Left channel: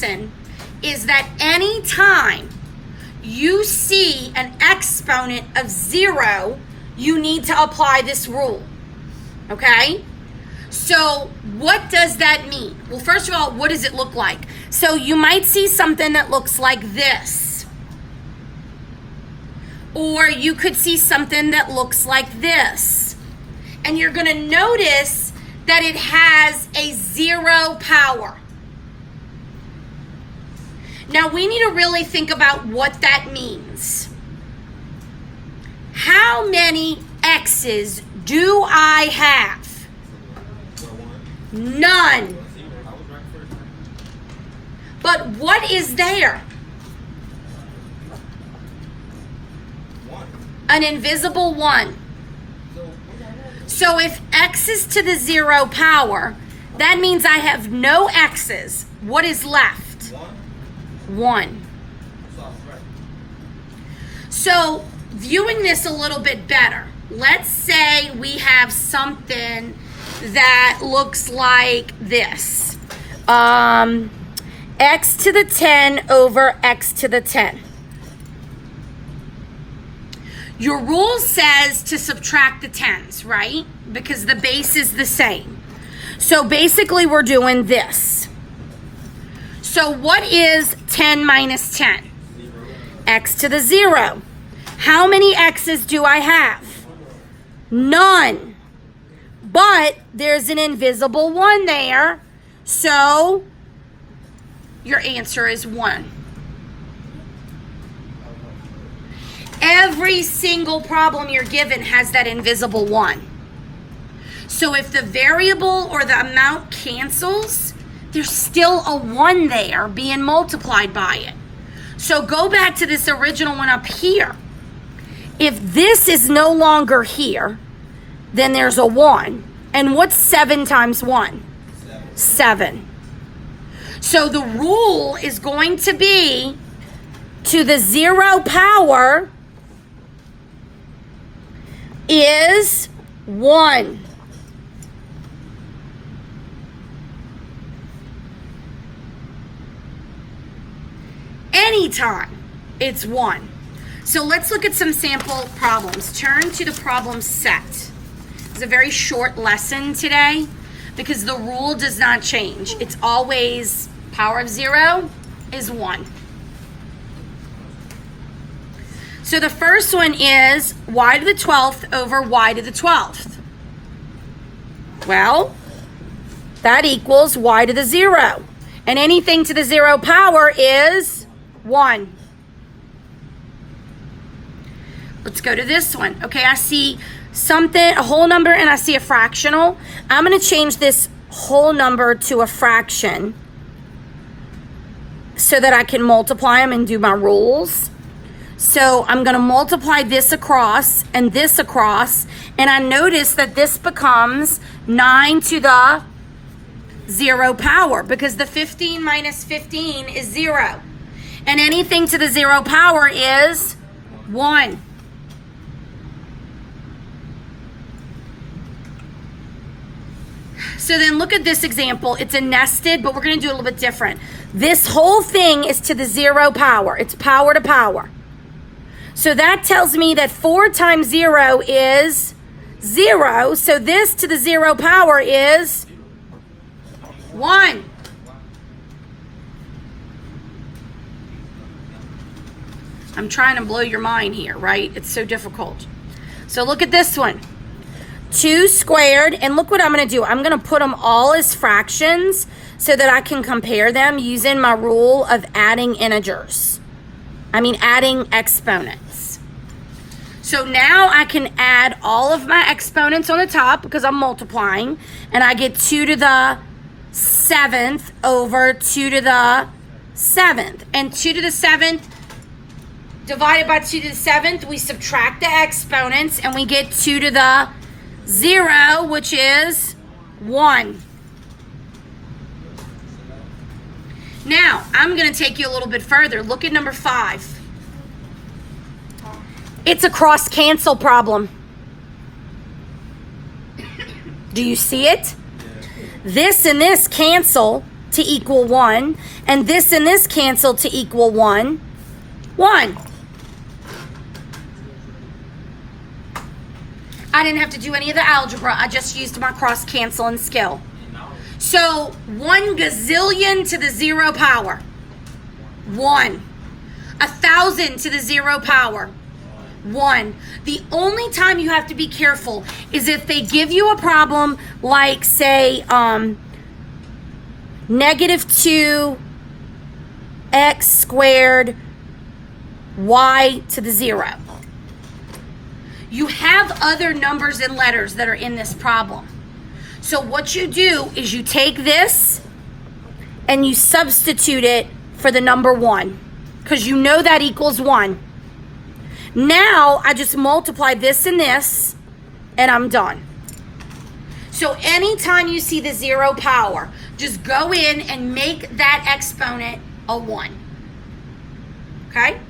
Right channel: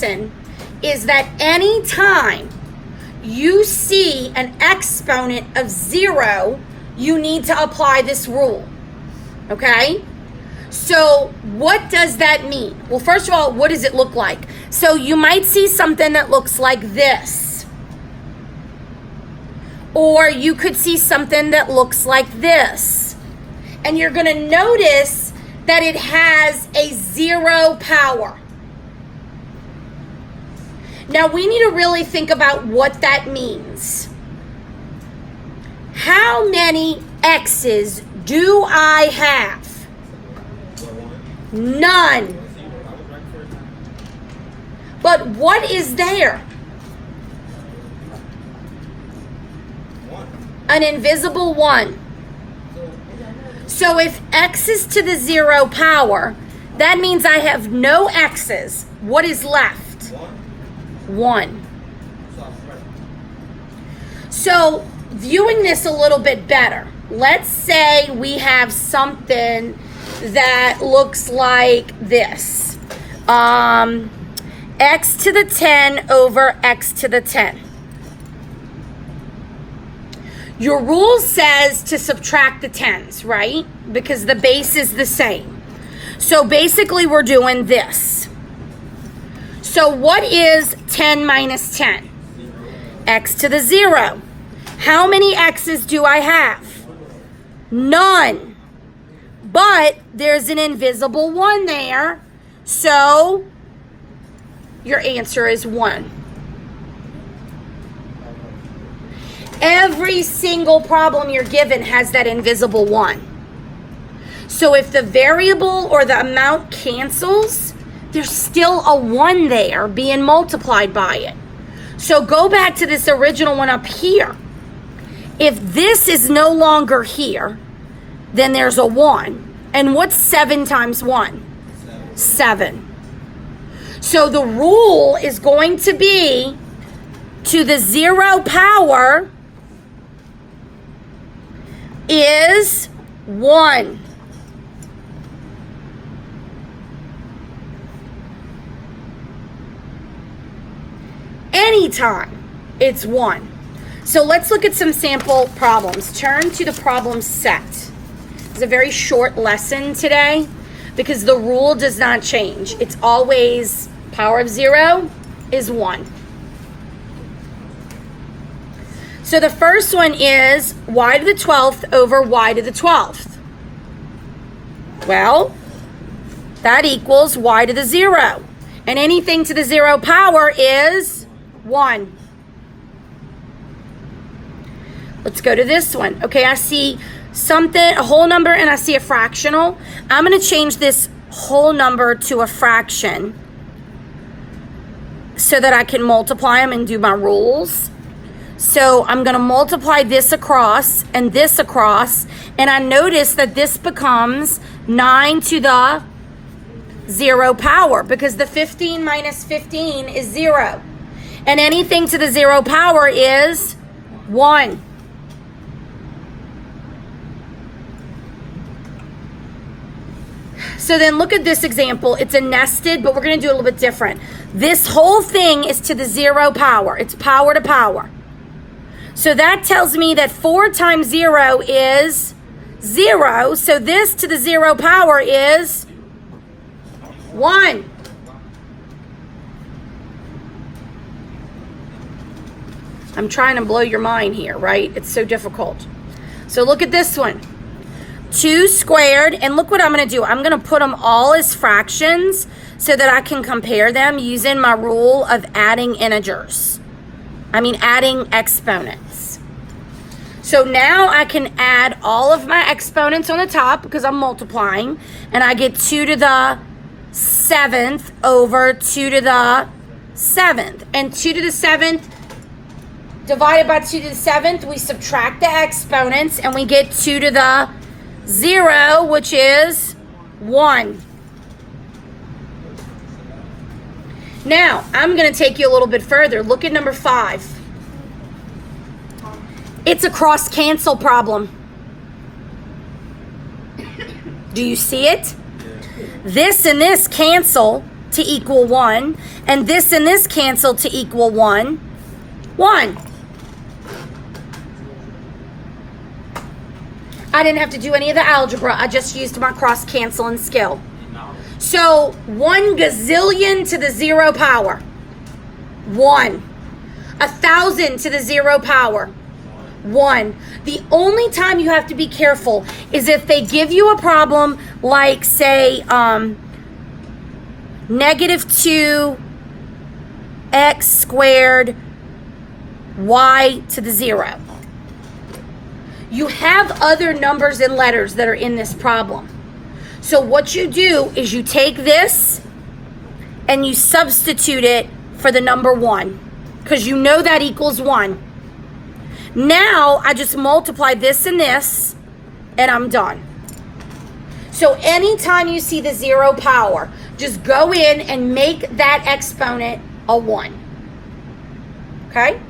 lesson is that anytime you see an exponent of 0, you need to apply this rule, okay? So what does that mean? Well, first of all, what does it look like? So you might see something that looks like this. Or you could see something that looks like this. And you're going to notice that it has a 0 power. Now we need to really think about what that means. How many X's do I have? None. But what is there? An invisible 1. So if X is to the 0 power, that means I have no X's. What is left? 1. So viewing this a little bit better, let's say we have something that looks like this. X to the 10 over X to the 10. Your rule says to subtract the 10s, right? Because the base is the same. So basically we're doing this. So what is 10 minus 10? X to the 0. How many X's do I have? None. But there's an invisible 1 there. So your answer is 1. Every single problem you're given has that invisible 1. So if the variable or the amount cancels, there's still a 1 there being multiplied by it. So go back to this original one up here. If this is no longer here, then there's a 1. And what's 7 times 1? 7. So the rule is going to be to the 0 power is 1. Anytime it's 1. So let's look at some sample problems. Turn to the problem set. It's a very short lesson today because the rule does not change. It's always power of 0 is 1. So the first one is y to the 12th over y to the 12th. Well, that equals y to the 0. And anything to the 0 power is 1. Let's go to this one. Okay, I see something, a whole number, and I see a fractional. I'm going to change this whole number to a fraction so that I can multiply them and do my rules. So I'm going to multiply this across, and I notice that this becomes 9 to the 0 power because the 15 minus 15 is 0. And anything to the 0 power is 1. So then look at this example. It's a nested, but we're going to do it a little bit different. This whole thing is to the 0 power. It's power to power. So that tells me that 4 times 0 is 0. So this to the 0 power is 1. I'm trying to blow your mind here, right? It's so difficult. So look at this one. 2 squared, and look what I'm going to do. I'm going to put them all as fractions so that I can compare them using my rule of adding adding exponents. So now I can add all of my exponents on the top because I'm multiplying, and I get 2 to the 7th over 2 to the 7th. And 2 to the 7th divided by 2 to the 7th, we subtract the exponents, and we get 2 to the 0, which is 1. Now, I'm going to take you a little bit further. Look at number 5. It's a cross-cancel problem. Do you see it? This and this cancel, to equal 1, and this cancel to equal 1. 1. I didn't have to do any of the algebra. I just used my cross-canceling skill. So 1 gazillion to the 0 power. 1. 1,000 to the 0 power. 1. The only time you have to be careful is if they give you a problem like, say, negative 2 x squared y to the 0. You have other numbers and letters that are in this problem. So what you do is you take this and you substitute it for the number 1, because you know that equals 1. Now I just multiply this and this, and I'm done. So anytime you see the 0 power, just go in and make that exponent a 1. Okay?